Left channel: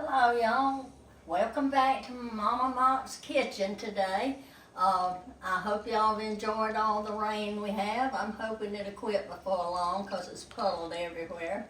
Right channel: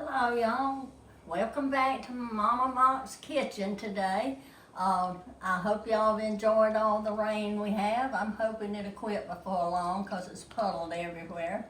Hello, y'all. Welcome back to Mama Mock's kitchen today. I hope y'all have enjoyed all the rain we have. I'm hoping it'll quit before long because it's puddled everywhere.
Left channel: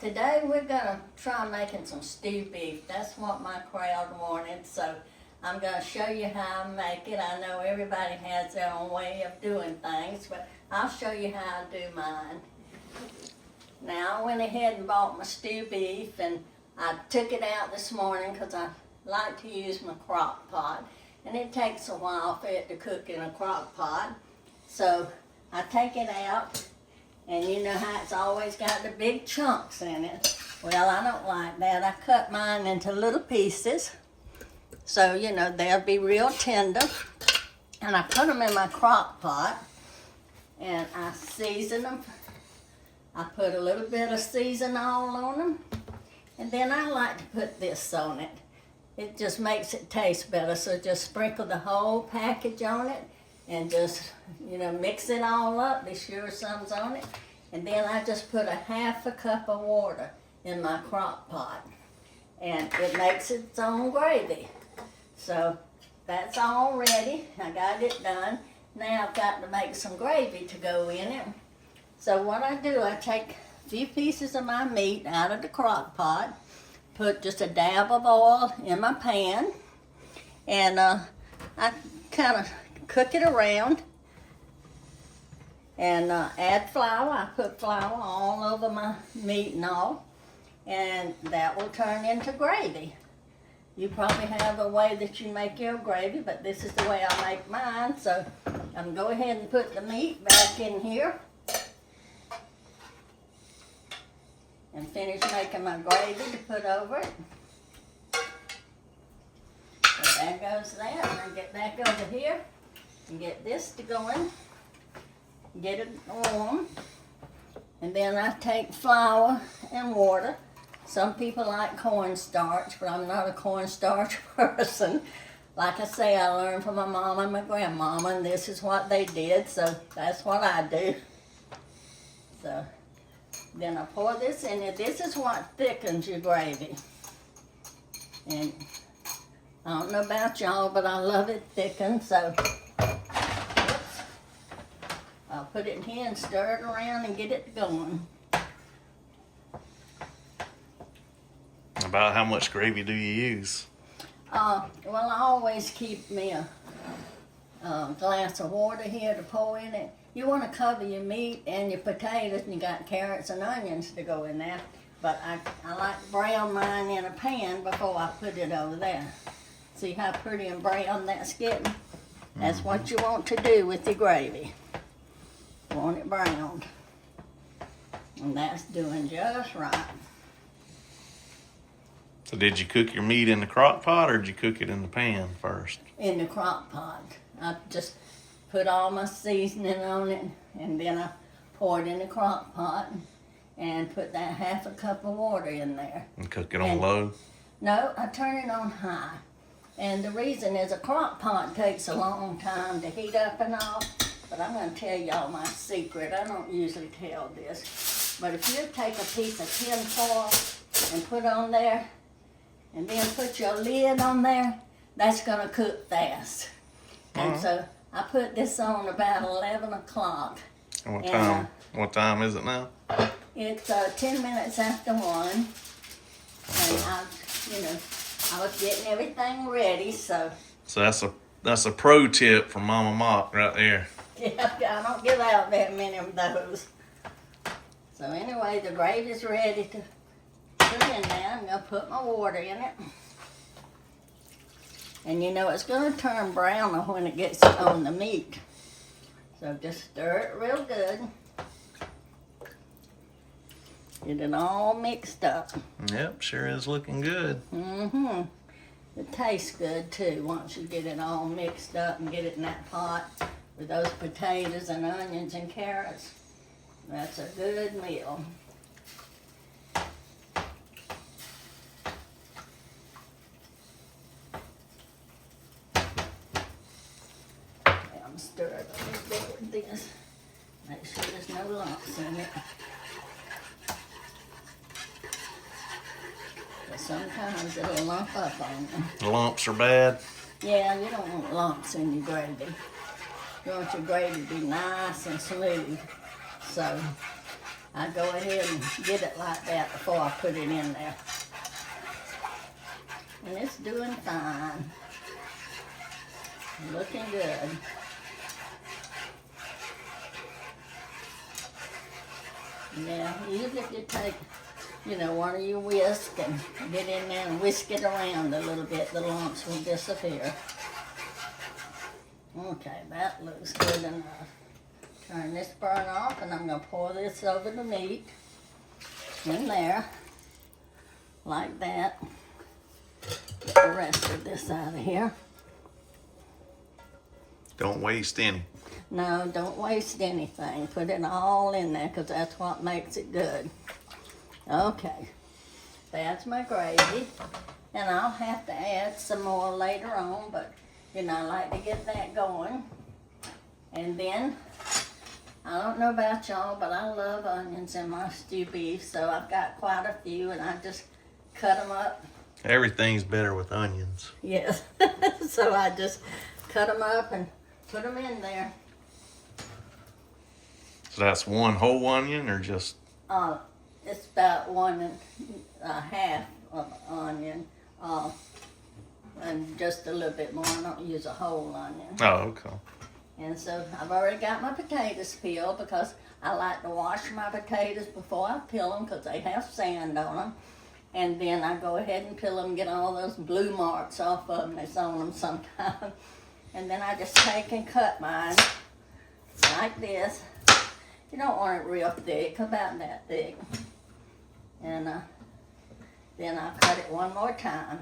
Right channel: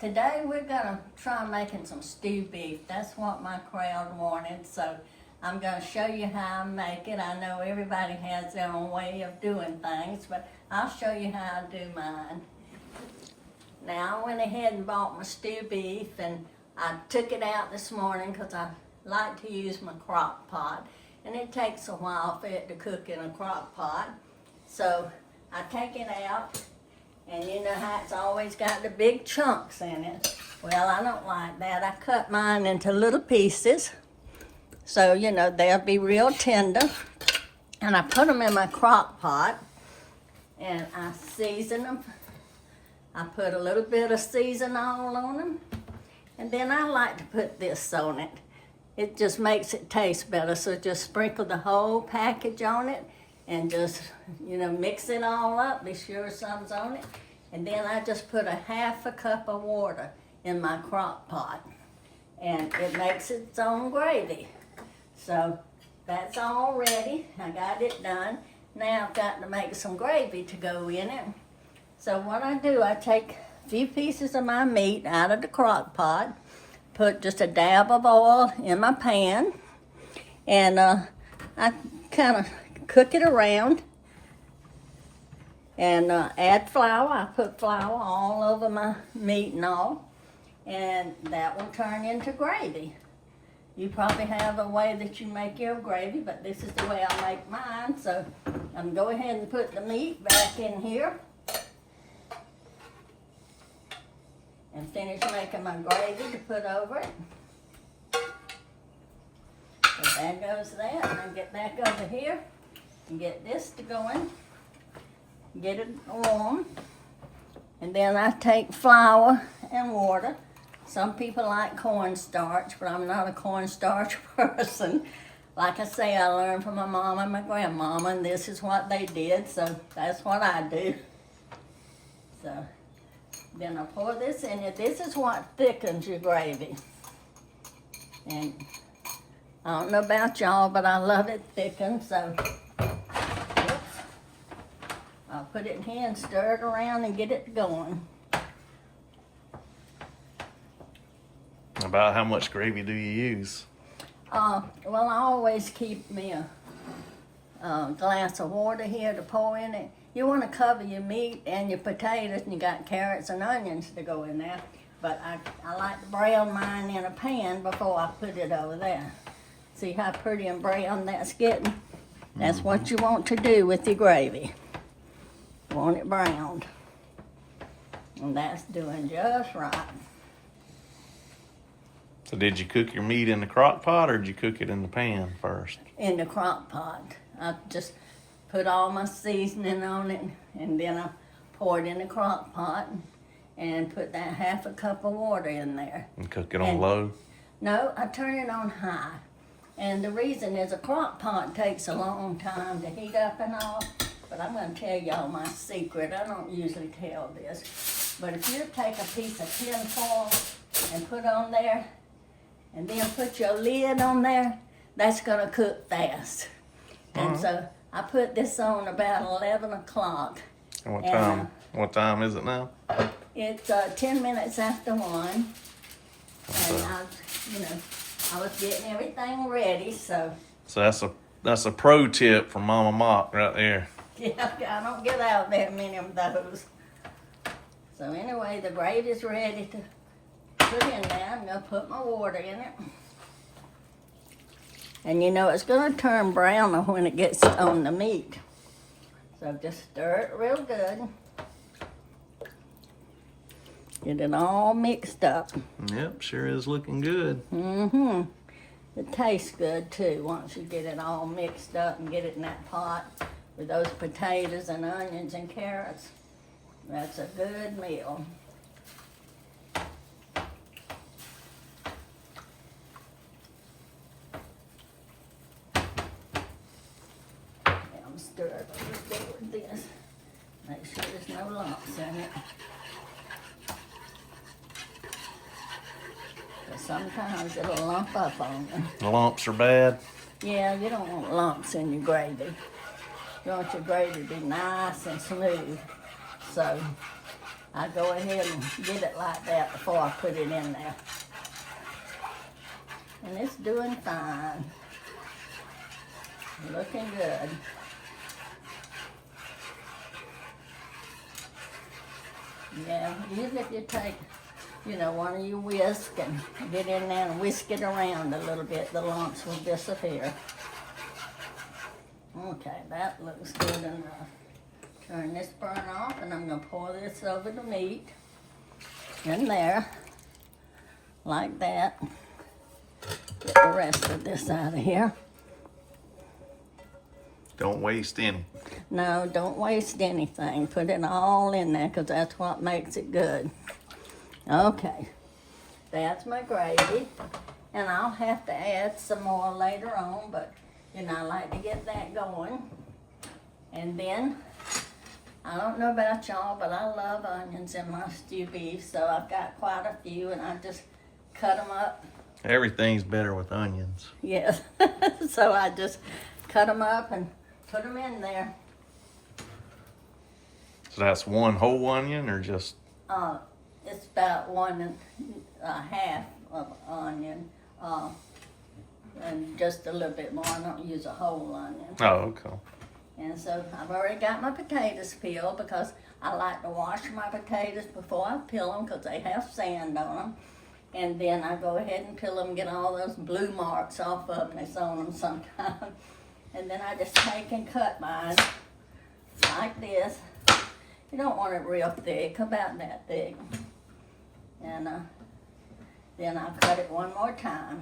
Today we're gonna try making some stew beef. That's what my crowd wanted, so I'm gonna show you how I make it. I know everybody has their own way of doing things, but I'll show you how I do mine. Now I went ahead and bought my stew beef, and I took it out this morning because I like to use my crock pot, and it takes a while for it to cook in a crock pot. So I take it out, and you know how it's always got the big chunks in it. Well, I don't like that. I cut mine into little pieces, so you know they'll be real tender. And I put them in my crock pot, and I season them. I put a little bit of season oil on them. And then I like to put this on it. It just makes it taste better. So just sprinkle the whole package on it and just, you know, mix it all up. Be sure something's on it. And then I just put a half a cup of water in my crock pot. And it makes its own gravy. So that's all ready. I got it done. Now I've got to make some gravy to go in it. So what I do, I take a few pieces of my meat out of the crock pot, put just a dab of oil in my pan, and I kind of cook it around and add flour. I put flour all over my meat and all, and that will turn into gravy. You probably have a way that you make your gravy, but this is the way I make mine. So I'm going to go ahead and put the meat back in here and finish making my gravy to put over it. So there goes that. I'm going to get back over here and get this to going. Get it warm. And then I take flour and water. Some people like cornstarch, but I'm not a cornstarch person. Like I say, I learned from my mom and my grandmama, and this is what they did, so that's what I do. So then I pour this in it. This is what thickens your gravy. And I don't know about y'all, but I love it thickened, so oops, I'll put it in here and stir it around and get it going. About how much gravy do you use? Well, I always keep me a glass of water here to pour in it. You want to cover your meat and your potatoes, and you got carrots and onions to go in there. But I like to brown mine in a pan before I put it over there. See how pretty and brown that's getting? That's what you want to do with your gravy. You want it browned. And that's doing just right. So did you cook your meat in the crock pot or did you cook it in the pan first? In the crock pot. I just put all my seasoning on it, and then I pour it in the crock pot and put that half a cup of water in there. And cook it on low? No, I turn it on high. And the reason is a crock pot takes a long time to heat up and all, but I'm going to tell y'all my secret. I don't usually tell this. But if you take a piece of tin foil and put on there, and then put your lid on there, that's going to cook fast. And so I put this on about 11 o'clock. And what time? What time is it now? It's 10 minutes after 1. And I was getting everything ready, so. So that's a pro tip from Mama Mock right there. Yeah, I don't get out that many of those. So anyway, the gravy's ready to put in there. I'm going to put my water in it. And you know it's going to turn browner when it gets on the meat. So just stir it real good. Get it all mixed up. Yep, sure is looking good. Mm-hmm. It tastes good too once you get it all mixed up and get it in that pot with those potatoes and onions and carrots. That's a good meal. Stir it a little bit with this. Make sure there's no lumps in it. sometimes it'll lump up on you. The lumps are bad. Yeah, you don't want lumps in your gravy. You want your gravy to be nice and smooth. So I go ahead and get it like that before I put it in there. And it's doing fine. Looking good. Yeah, usually if you take, one of your whisk and get in there and whisk it around a little bit, the lumps will disappear. Okay, that looks good enough. Turn this burn off and I'm gonna pour this over the meat in there, like that. Get the rest of this out of here. Don't waste any. No, don't waste anything. Put it all in there because that's what makes it good. Okay, that's my gravy. And I'll have to add some more later on, but I like to get that going. And then, I don't know about y'all, but I love onions in my stew beef, so I've got quite a few and I just cut them up. Everything's better with onions. Yes, so I just cut them up and put them in there. So that's one whole onion or just? It's about 1 1/2 of an onion, and just a little bit more. I don't use a whole onion. Oh, okay. And so I've already got my potatoes peeled because I like to wash my potatoes before I peel them because they have sand on them. And then I go ahead and peel them, get all those blue marks off of them that's on them sometimes. And then I just take and cut mine like this. You don't want it real thick, about that thick. And then I'll cut it one more time.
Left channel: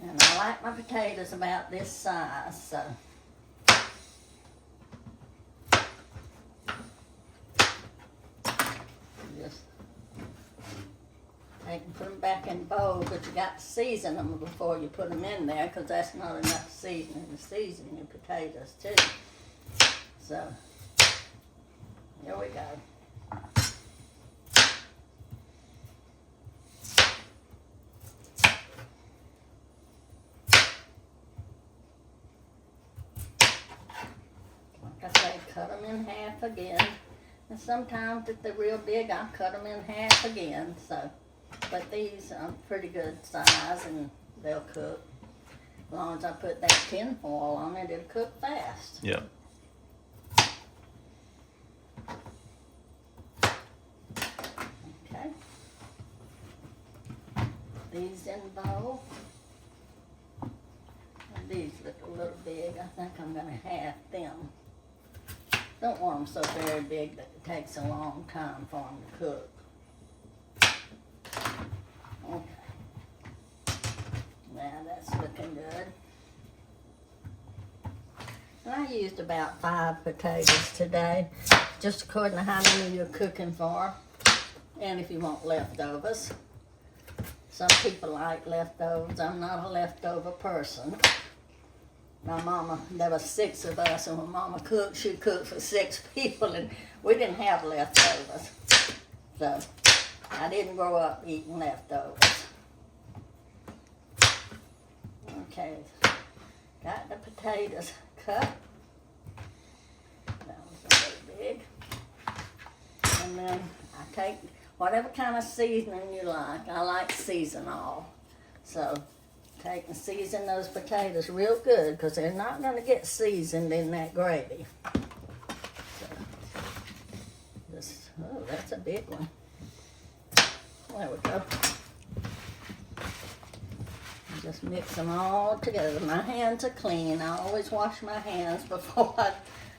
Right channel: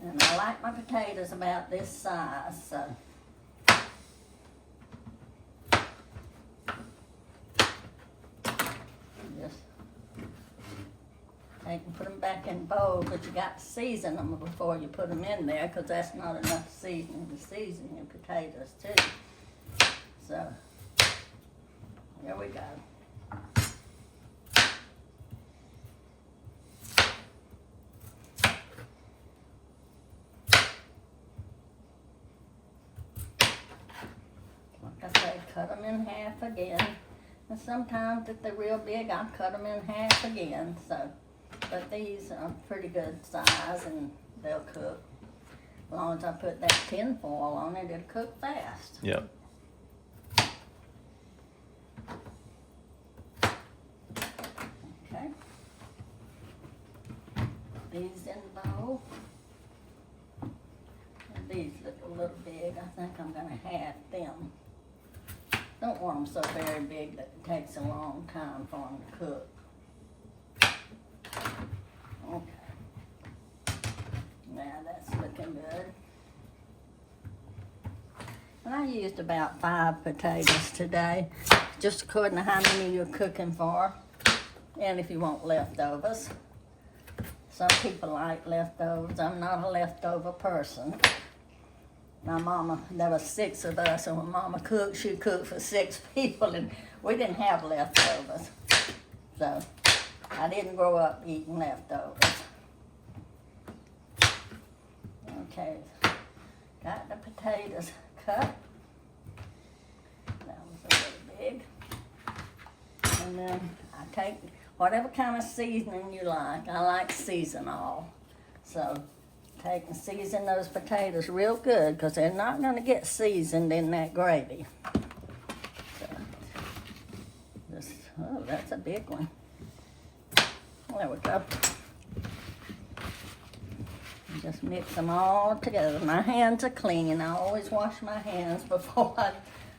And I like my potatoes about this size, so. Just take and put them back in the bowl, but you got to season them before you put them in there because that's not enough seasoning to season your potatoes too. So, here we go. Like I say, cut them in half again. And sometimes if they're real big, I'll cut them in half again. So, but these are pretty good size and they'll cook. As long as I put that tin foil on it, it'll cook fast. Yep. Okay. These in the bowl. And these look a little big. I think I'm gonna half them. Don't want them so very big that it takes a long time for them to cook. Okay. Now that's looking good. I used about 5 potatoes today, just according to how many you're cooking for, and if you want leftovers. Some people like leftovers. I'm not a leftover person. My mama, there was 6 of us, and when Mama cooked, she cooked for 6 people, and we didn't have leftovers. So, I didn't grow up eating leftovers. Okay, got the potatoes cut. That was a little big. And then I take whatever kind of seasoning you like. I like seasonal. So, take and season those potatoes real good because they're not going to get seasoned in that gravy. So, oh, that's a big one. There we go. Just mix them all together. My hands are clean. I always wash my hands before I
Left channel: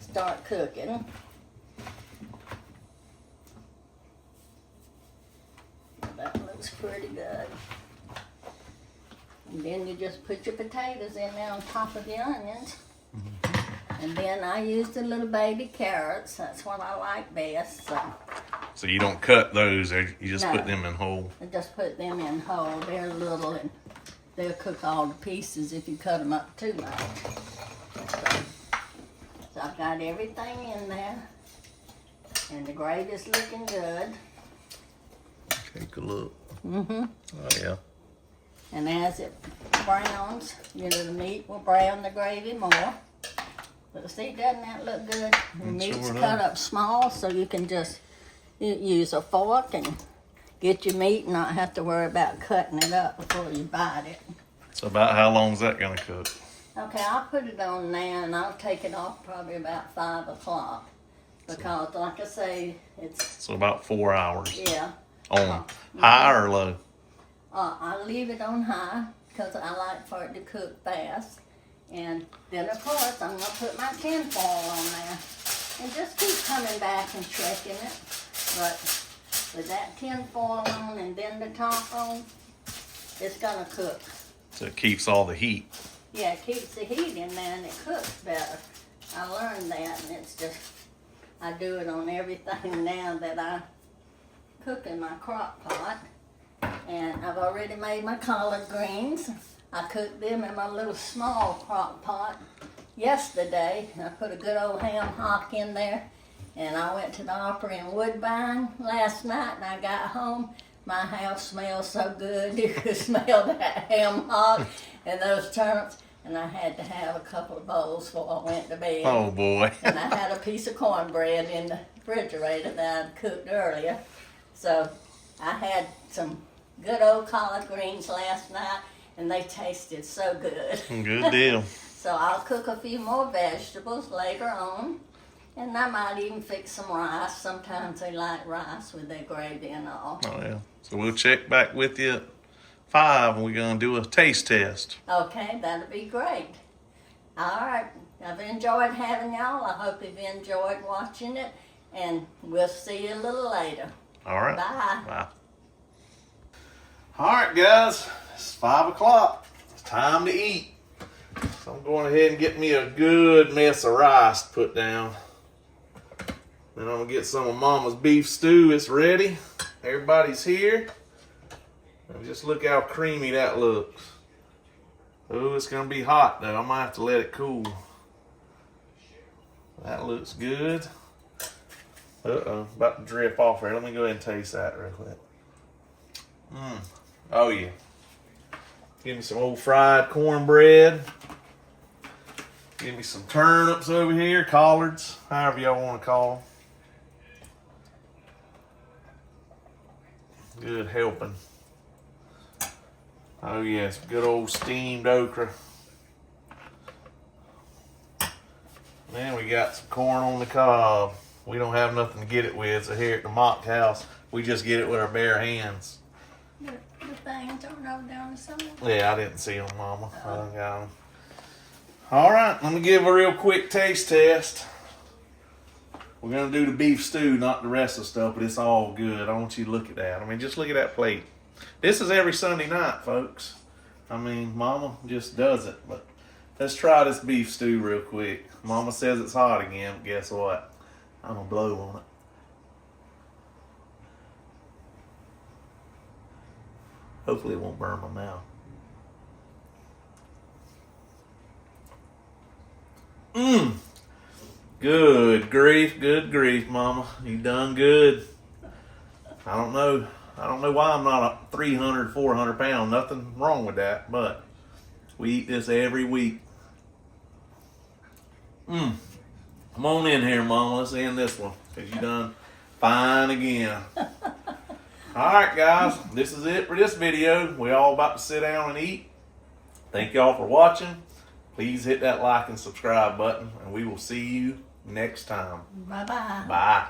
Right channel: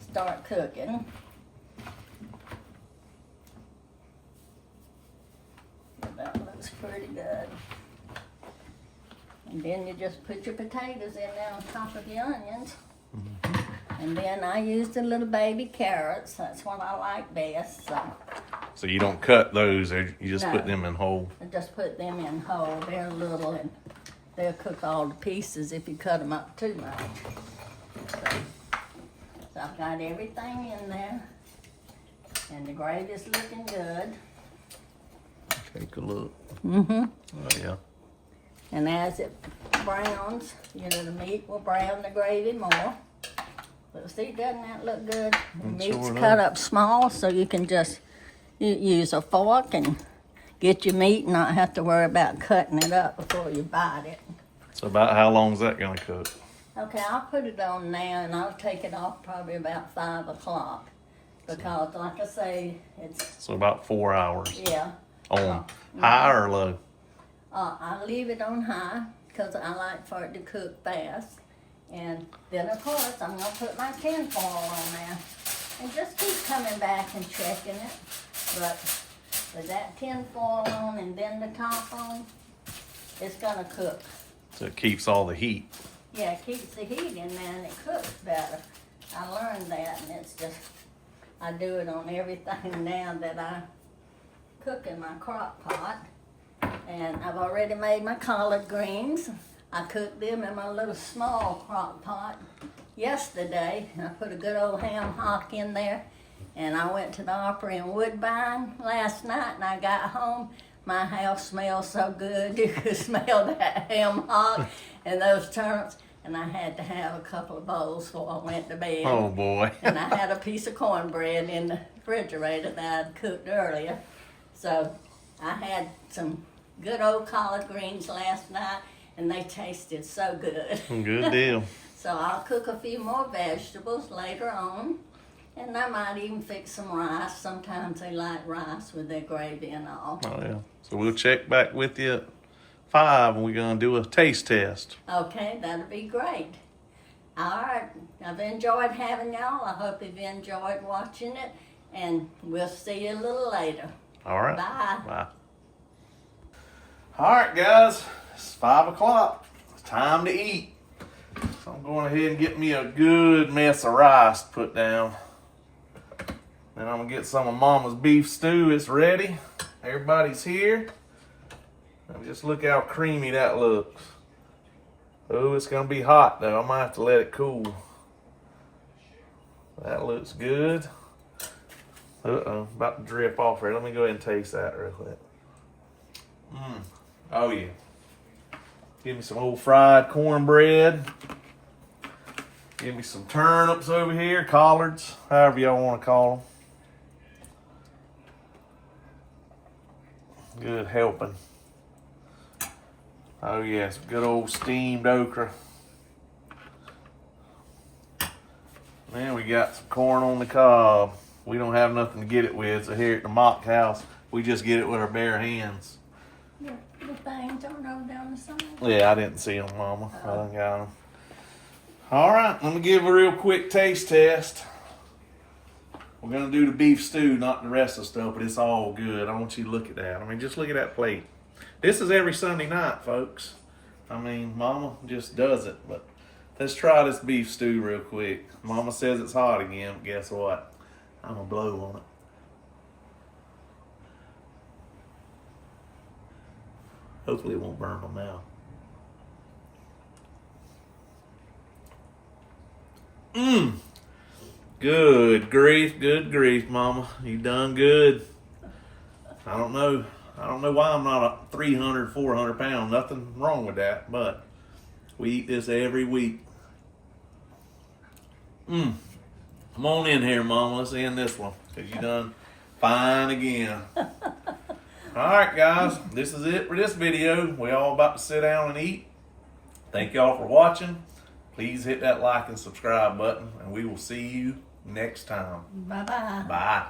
start cooking. That looks pretty good. And then you just put your potatoes in there on top of the onions. And then I use the little baby carrots. That's what I like best. So you don't cut those, or you just No. put them in whole? I just put them in whole. They're little and they'll cook all the pieces if you cut them up too much. So I've got everything in there. And the gravy's looking good. Take a look. Mm-hmm. Oh yeah. And as it browns, the meat will brown the gravy more. But see, doesn't that look good? The It meat's sure cut does. up small, so you can just use a fork and get your meat and not have to worry about cutting it up before you bite it. So about how long is that gonna cook? Okay, I'll put it on now and I'll take it off probably about 5 o'clock. Because like I say, it's, So about 4 hours. yeah. On high or low? I leave it on high because I like for it to cook fast. And then of course I'm gonna put my tinfoil on there. And just keep coming back and checking it. But with that tinfoil on and then the top on, it's gonna cook. So it keeps all the heat. Yeah, it keeps the heat in there and it cooks better. I learned that, and it's just, I do it on everything now that I cook in my crock pot. And I've already made my collard greens. I cooked them in my little small crock pot yesterday. I put a good old ham hock in there. And I went to the Opry in Woodbine last night, and I got home. My house smells so good. You could smell that ham hock and those turnips. And I had to have a couple of bowls before I went to bed. Oh boy. And I had a piece of cornbread in the refrigerator that I'd cooked earlier. So I had some good old collard greens last night, and they tasted so good. Good deal. So I'll cook a few more vegetables later on. And I might even fix some rice. Sometimes they like rice with their gravy and all. Oh yeah. So we'll check back with you at 5 and we're gonna do a taste test. Okay, that'll be great. All right, I've enjoyed having y'all. I hope you've enjoyed watching it. And we'll see you a little later. All right. Bye. Bye. All right, guys. It's 5 o'clock. It's time to eat. So I'm going ahead and get me a good mess of rice put down. Then I'm gonna get some of Mama's beef stew. It's ready. Everybody's here. And just look how creamy that looks. Oh, it's gonna be hot though. I might have to let it cool. That looks good. Uh-oh, about to drip off here. Let me go ahead and taste that real quick. Oh yeah. Give me some old fried cornbread. Give me some turnips over here, collards, however y'all want to call them. Good helping. Oh yes, good old steamed okra. Then we got some corn on the cob. We don't have nothing to get it with, so here at the Mock House, we just get it with our bare hands. The things don't roll down the side. Yeah, I didn't see them, Mama. I done got them. All right, let me give a real quick taste test. We're gonna do the beef stew, not the rest of the stuff, but it's all good. I want you to look at that. I mean, just look at that plate. This is every Sunday night, folks. I mean, Mama just does it. But let's try this beef stew real quick. Mama says it's hot again, but guess what? I'm gonna blow on it. Hopefully it won't burn my mouth. Good grief, Mama. You done good. I don't know why I'm not a 300, 400 pound. Nothing wrong with that, but we eat this every week. Come on in here, Mama. Let's end this one, because you done fine again. All right, guys. This is it for this video. We all about to sit down and eat. Thank y'all for watching. Please hit that like and subscribe button, and we will see you next time. Bye-bye. Bye.